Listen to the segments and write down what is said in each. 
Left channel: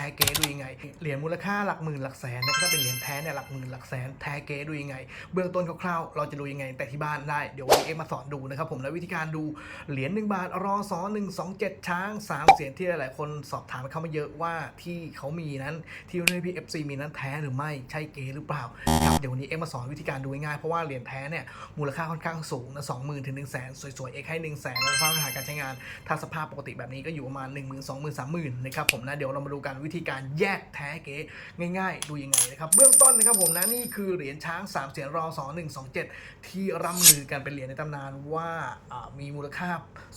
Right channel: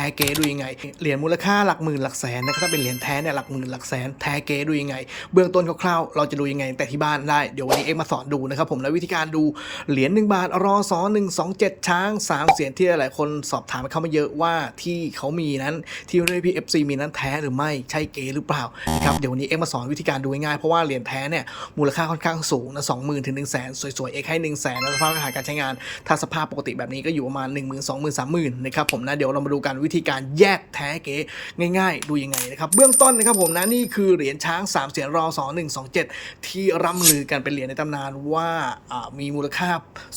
ท้เก๊ดูยังไง เหรียญมูลค่าหลักหมื่นหลักแสนนะครับถ้าเป็นเหรียญแท้เนี่ยหลักหมื่นหลักแสนแท้เก๊ดูยังไง เบื้องต้นคร่าวๆเราจะดูยังไงแต่ที่บ้านได้เดี๋ยววันนี้เอ็กมาสอนดูนะครับผมและวิธีการดูเหรียญ1บาทรอสอ127ช้าง3เสียงที่หลายๆคนสอบถามเข้ามาเยอะว่าที่เขามีนั้นที่เรียกพี่เอฟซีมีนั้นแท้หรือไม่ใช่เก๊หรือเปล่านะครับเดี๋ยววันนี้เอ็กมาสอนวิธีการดูง่ายๆเพราะว่าเหรียญแท้เนี่ยมูลค่าค่อนข้างสูงนะสองหมื่นถึงหนึ่งแสนสวยๆเอ็กให้หนึ่งแสนแล้วสภาพการใช้งาน ถ้าสภาพปกติแบบนี้ก็อยู่ประมาณ1 0 0 0 0 2 0 0 0 0 3 0 0 0นะครับผมนะเดี๋ยวเรามาดูกันวิธีการแยกแท้เก๋ง่าย ๆ ดูยังไงนะครับเบื้องต้นนะครับผมนะนี่คือเหรียญช้าง3เสียนรอสอ127 ที่ร่ำลือกันเป็นเหรียญในตำนานว่ามีมูลค่า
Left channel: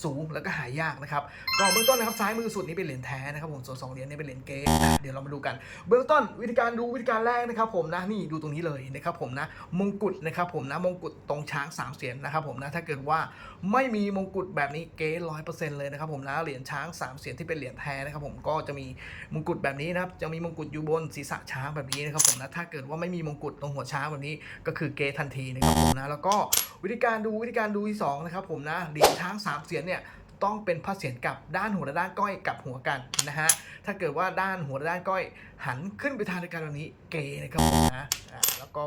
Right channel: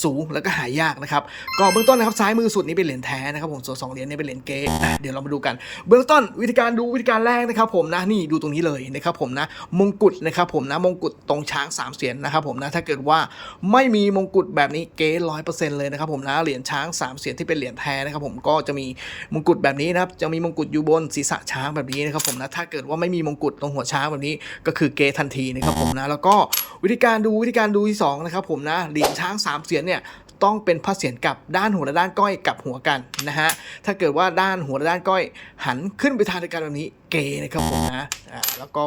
สูงแล้วก็หายากนะครับก็เบื้องต้นนะครับซ้ายมือสุดนี้เป็นเหรียญแท้นะครับผมส่วนสองเหรียญนี้เป็นเหรียญเก๋เดี๋ยวเรามาดูกัน เบื้องต้นวิธีการดูวิธีการแรกนะครับผมนะนี่ดูตรงนี้เลยนะครับผมนะมงกุฎนะครับผมนะมงกุฎตรงช้างสามเสียนนะครับผมนะถ้าเกิดว่าไม่มีมงกุฎแบบนี้เก๋ร้อยเปอร์เซ็นต์เลยนะครับผมนะเหรียญช้างสามเสียนที่เป็นเหรียญแท้นะครับผมก็จะมีมงกุฎแบบนี้นะครับจะมีมงกุฎอยู่บนศีรษะช้างแบบนี้นะครับผมนะถ้าเกิดว่าไม่มีมงกุฎตรงหัวช้างแบบนี้ก็คือเกทันทีนะครับผมนะแล้วก็วิธีการดูวิธีการดูที่สองนะครับผมนะเหรียญช้างสามเสียนเนี่ยต้องเป็นพระเศียรกับด้านหัวและด้านก้อยกับหัวกันนะฮะถ้าเกิดว่าด้านหัวและด้านก้อยหันขึ้นไปทางเดียวกันแบบนี้ เกนะครับนะอ่าแล้วก็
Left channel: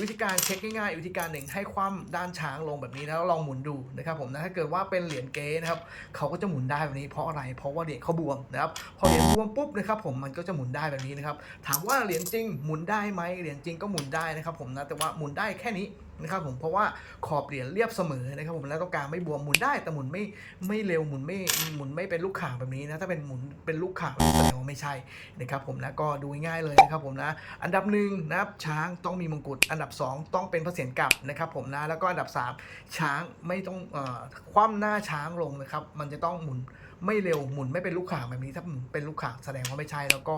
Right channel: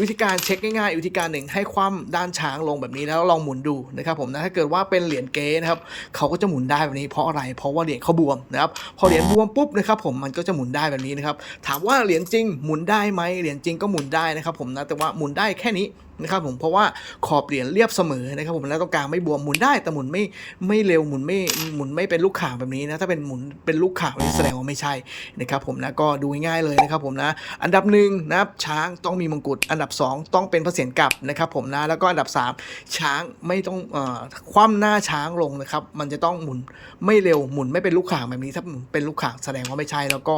วิธีการเช็คง่ายๆวิธีการหนึ่งให้คว่ำด้านช้างลงแบบนี้แล้วลองหมุนดูนะครับผมนะถ้าเกิดว่าเป็นเหรียญเกนะครับเขาก็จะหมุนได้แบบนี้เพราะอะไรเพราะว่าเหรียญเขาบวมนะครับพอเหรียญบวมปุ๊บนะครับผมมันก็จะหมุนได้แบบนี้นะครับถามว่าเหรียญจริงหมุนได้ไหมเหรียญจริงก็หมุนได้นะครับผมนะแต่ว่าหมุนได้แค่นี้นะครับผมเพราะว่าขอบเหรียญเรียบเสมอนะครับผมแล้วตรงกลางไม่บวมหมุนได้แต่หมุนไม่ไม่เร็วหมุนไม่หมุนไม่เป็นลูกข่างแบบนี้นะถ้าเป็นหมุนเป็นลูกข่างแบบนี้แสดงว่าไม่ใช่นะครับผมนะก็ดูง่ายๆเลยนะครับผมนะอันดับหนึ่งนะครับช้างต้องมีมงกุฎอันดับสองต้องเป็นพระเศียรกลับนะครับผมนะแล้วก็อันดับสามช้างไม่ต้องเอ่อคว่ำหน้าช้างลงนะครับมันจะต้องหมุนไม่เร็วหมุนไม่เป็นลูกข่างแบบนี้ถ้าหมุนเป็นลูกข่างแสดงว่าไม่ใช่ แล้วก็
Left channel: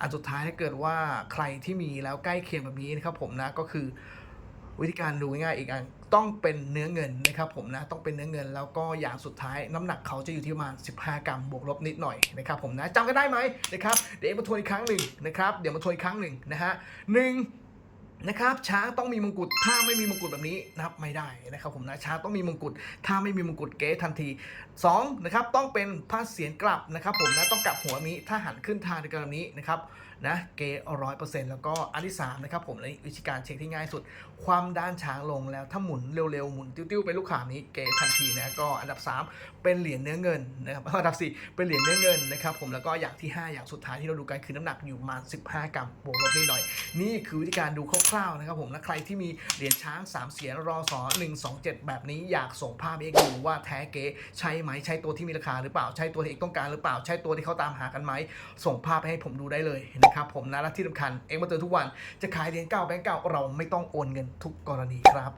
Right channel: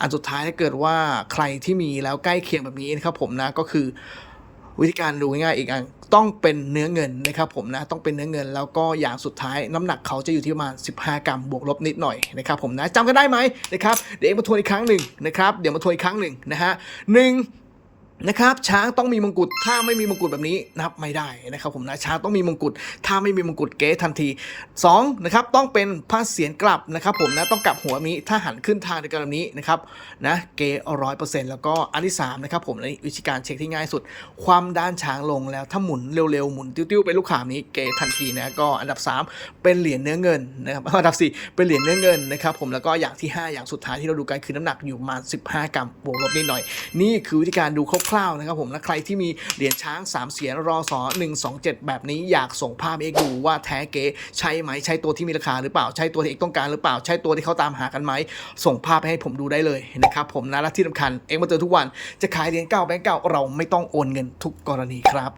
อันสุดท้ายถ้าเกิดว่าใครที่มีแล้วใกล้เคียงแบบนี้นะครับผมนะก็คือ วิธีการดูง่ายๆอีกอันต้องเป็นเนื้อเงินนะครับผมนะต้องเป็นเนื้อเงินแล้วก็อย่างสุดท้ายน้ำหนักเขาจะอยู่ที่ประมาณ 15 กรัมบวกลบนิดหน่อยนะครับผมนะจำกันได้ไหมนะครับเดี๋ยวมาทวนอีกครั้งหนึ่งนะครับเดี๋ยวมาทวนอีกครั้งหนึ่งนะฮะหนึ่ง นะครับช้างต้องมีมงกุฎถ้าไม่มีมงกุฎแบบนี้นับไม่ได้นะครับผมนะช้างต้องมีมงกุฎถ้าไม่มีมงกุฎเก๊ทันทีสองนะครับต้องเป็นผ้าเสียนกลับนะครับผมนะต้องกลับหัวนี้ถ้าหันขึ้นทางเดียวกันนี้นะครับนะเก๊ร้อยเปอร์เซ็นต์แล้วก็อันที่สามนะครับผมในวิธีการเช็คที่ง่ายสุด ความด้านช้างลงแล้วถ้าหมุนเร็วๆหมุนติ้วๆเป็นลูกขามนี้เกทันทีนะก็อันดับ 3 เป็นเหรียญเนื้อเงินนะครับอันดับ 4 เป็นเหรียญเนื้อเงินนะครับผมแล้วก็อย่างที่ 5 อย่างสุดท้ายที่เราดูกันคือน้ำหนักอยู่ประมาณ15 กรัมบวกลบนิดหน่อย นี่คือวิธีการดูคร่าวๆนะครับผมและใครที่มีเหรียญช้าง 3 เสียนรอสอ127 แบบนี้อยากส่งภาพเอกดูว่าแท้เก๋ใช่ไหมใช่ตัวที่มีราคาหรือเปล่าใช่ตัวที่เอกต้องการหรือเปล่าใช่ตัวที่เขาตามหากันไหมส่งภาพให้ผมดูได้เลยนะครับผมนะและที่สำคัญเอกมาเจอทุกวันจะขายเหรียญเก่าแบงก์เก่าเราไม่ต้องโอนเงินทุกกรณีครับ